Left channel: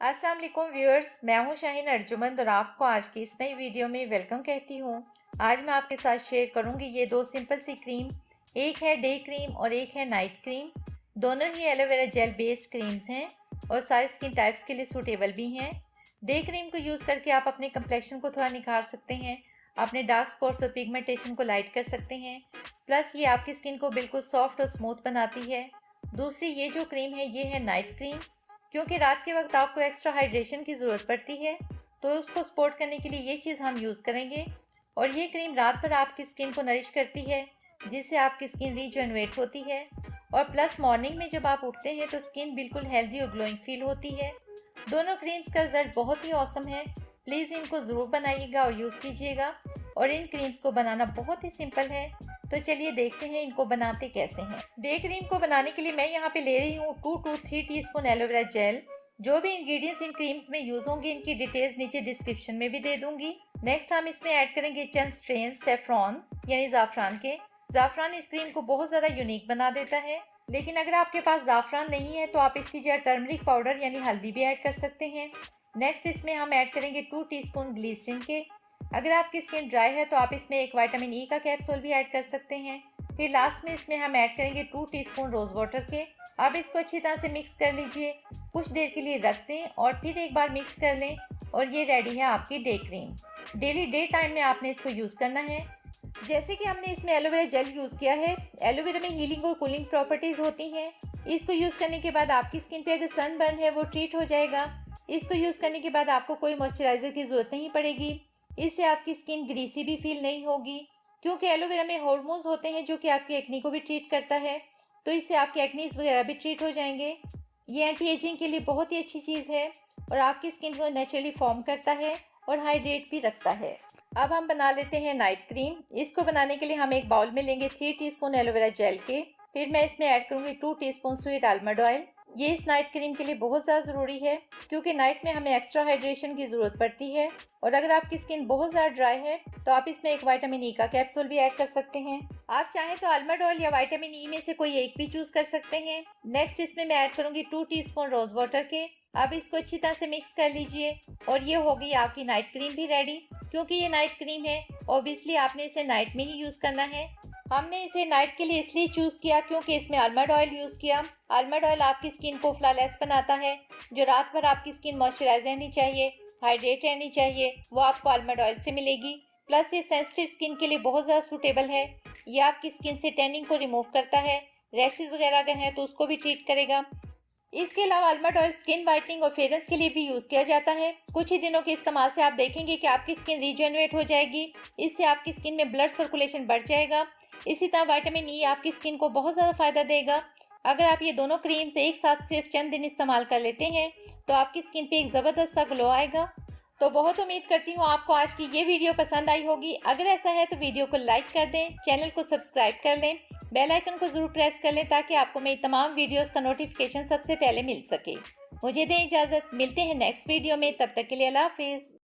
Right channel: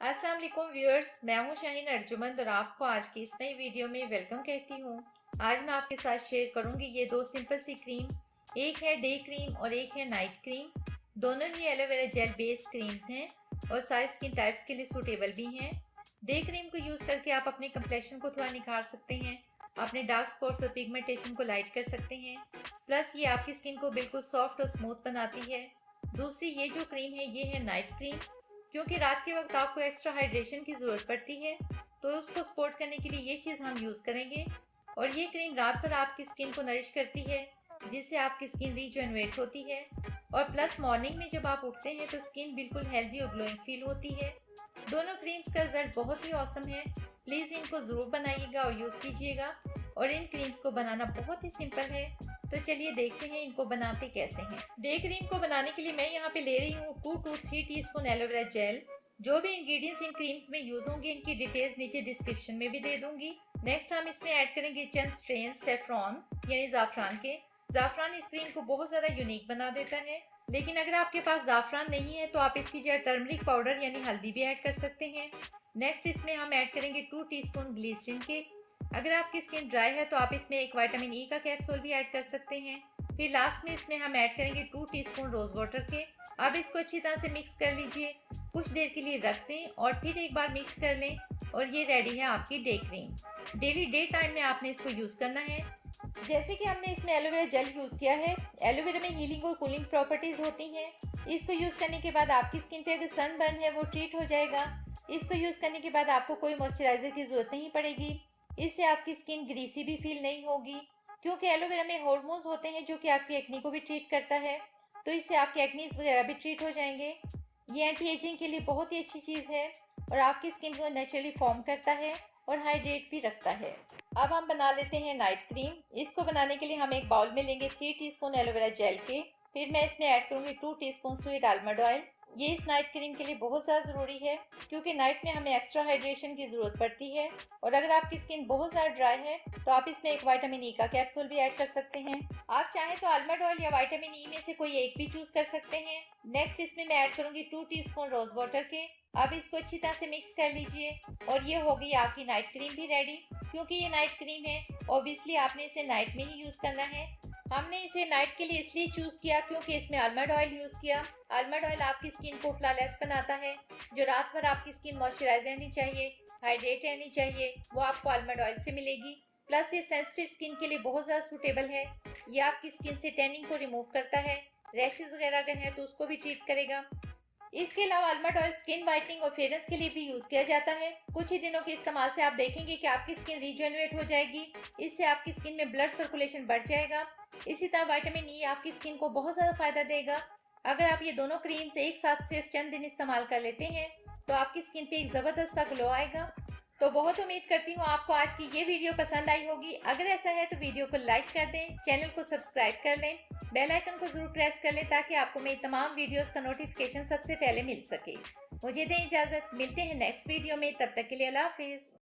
अस्सलाम वालेकुम व्यूअर्स, मैं हूं शाहीन अर्जुमंद और आपको आज की इस नई वीडियो में वेलकम कहती हूं। आज मैं आपके साथ शेयर करूंगी ये दो सिंपल सी क्रीम। एक है डे क्रीम और एक है नाइट क्रीम। दोनों ही एलोवेरा जेल बेस्ड क्रीम्स हैं और सारे स्किन टाइप्स के लिए सूटेबल भी हैं। डे क्रीम को यूज़ करके आप अपने कम्प्लेक्शन को थोड़ा निखार सकते हैं, अपने डार्क स्पॉट्स और पिगमेंटेशन को लाइट कर सकते हैं। प्लस ये आपकी स्किन को बिल्कुल सॉफ्ट और स्मूथ बनाती है। दूसरी ये जो क्रीम है ये है नाइट क्रीम। क्योंकि रात के वक्त आपको एक्स्ट्रा हाइड्रेशन की ज़रूरत पड़ती है, तो उसको सपोर्ट करने के लिए ये चीज़ हम यूज़ करेंगे। और ये क्रीम रात भर आपकी स्किन को नरिश करती है, जिससे आपकी स्किन रीजनरेट होती है। और प्लस मॉर्निंग में जब आप उठते हैं तो स्किन बिल्कुल हेल्दी और ग्लोइंग फील होती है। दोनों क्रीम्स का रिजल्ट बहुत ही औसम है। प्लीज़ इनको ज़रूर बनाइएगा और यूज़ कीजिएगा। और इन क्रीम्स को बनाना बहुत ही सिंपल है, तो चलिए देखते हैं इनको बनाते कैसे हैं। डे क्रीम को बनाने के लिए मैं यहाँ पे ले रही हूँ 2 to 3 टीस्पून एलोवेरा जेल। जो भी इंग्रेडिएंट्स इन क्रीम्स में यूज होंगे इनकी डिटेल्स नीचे डिस्क्रिप्शन में भी दे दूंगी। नेक्स्ट हम इसमें ऐड करेंगे चंद स्ट्रेन सेफ्रॉन यानी ज़ाफ़रान के। ज़ाफ़रान इस क्रीम को बहुत ज़्यादा यूनिक बना देता है। लेकिन अगर आपके पास ज़ाफ़रान नहीं है तो आप इसकी जगह टर्मरिक पाउडर यानी हल्दी भी ऐड कर सकते हैं। नेक्स्ट इसमें हम ऐड करेंगे 2 टीस्पून ग्लिसरीन के। अगर आपकी स्किन ड्राई है तो आप इसमें एक विटामिन ई का कैप्सूल भी ऐड कर सकते हैं। फिर लास्ट में इसमें हम ऐड करेंगे 2 टीस्पून रोज़ वाटर के। अब इसको अच्छी तरह से मिक्स कर लीजिए, कुछ देर के लिए रख दें और फिर एक बार मिक्स कर लें और ये रेडी है आपकी day cream. Daily day time में आपने इसको यूज़ करना है। जैसे कि हमने इसमें एलोवेरा जेल यूज़ किया है, एलोवेरा में हीलिंग और कूलिंग प्रॉपर्टीज़ होती हैं। इसको यूज़ करने के बाद आपकी स्किन पे अगर सनबर्न है वो ट्रीट हो जाएगा। इसको यूज़ करने के बाद आपको कोई मॉइस्चराइज़र की ज़रूरत नहीं पड़ेगी। इससे आपकी स्किन ग्रीसी भी फील नहीं होगी, क्योंकि एलोवेरा में हॉर्मोन्स होते हैं जो कि आपकी एक्नी को भी ट्रीट करता है। तो इससे आपके एक्नीज वगैरह भी ट्रीट हो जाएंगे। ये एंटी एजिंग के लिए बहुत ही अच्छी चीज़ है और आपकी स्किन को नेचुरली फॉर्म करता है और हाइड्रेट भी रखता है। अब हम बना लेते हैं नाइट क्रीम। इसको बनाने के लिए हम एक बाउल में लेंगे 3 टीस्पून एलोवेरा जेल के। फिर मैं इसमें ऐड करूंगी 2 टीस्पून स्वीट आलमंड ऑयल। ये इस नाइट क्रीम के लिए बहुत ज़्यादा ज़रूरी है, क्योंकि नाइट में हमें एक्स्ट्रा हाइड्रेशन की ज़रूरत पड़ती है। और अगर आपकी स्किन बहुत ज़्यादा ड्राई है तो आप इसमें एक विटामिन ई का कैप्सूल भी ऐड कर सकते हैं। आप चाहें तो आलमंड ऑयल या विटामिन ई में से कोई एक भी चूज कर सकते हैं। नेक्स्ट इसमें मैं ऐड करूंगी 2 टीस्पून रोज वाटर के। अब इसको अच्छी तरह से मिक्स कर लीजिए और ये हो गई आपकी नाइट क्रीम भी रेडी। क्योंकि ये नाइट क्रीम है, ऑब्वियसली आपने इसे नाइट में ही यूज़ करना है। हमने इसे नाइट के लिए इसलिए चूज़ किया क्योंकि इसमें आलमंड ऑयल यूज़ किया। आलमंड ऑयल आपकी स्किन को फ्लॉलेस बनाता है। जो रात भर आपकी स्किन मॉइस्चराइज रहनी चाहिए, हाइड्रेट रहनी चाहिए, वो आपको आलमंड ऑयल से मिलेगी। प्लस ये सेंसिटिव स्किन के लिए बहुत ज़्यादा सूटेबल है। ये आपकी स्किन से टैनिंग को रिमूव करता है। रैशेज वगैरह अगर हैं तो उसको भी ट्रीट करेगा। इसके अलावा आलमंड ऑयल स्किन वाइटनिंग और फेयरनेस के लिए भी यूज़ किया जाता है। कुछ ही दिनों के इस्तेमाल से आप देखेंगे कि आपकी स्किन रीजनरेट हो जाएगी। इससे आपकी स्किन में ब्लड सर्कुलेशन बढ़ जाएगा। इसी तरह विटामिन ई आपकी स्किन को बहुत ज़्यादा फ़ायदा देगा। अगर आप ये दोनों क्रीम्स एक साथ सिर्फ चंद दिन इस्तेमाल कर लेते हैं तो आपकी स्किन पे एक ज़बरदस्त सा ग्लो आएगा। तो बहुत उम्मीद करती हूँ आपको आज की ये वीडियो पसंद आई होगी। अगर ऐसा है तो वीडियो को लाइक कर दें, चैनल को सब्सक्राइब कर लें, बेल आइकन को ज़रूर प्रेस कर लें ताकि आपको मेरी तमाम वीडियोस का नोटिफिकेशन सबसे पहले मिल सके। मुझे दें इजाज़त, मिलते हैं नेक्स्ट वीडियो में, तब तक के लिए अल्लाह हाफिज़।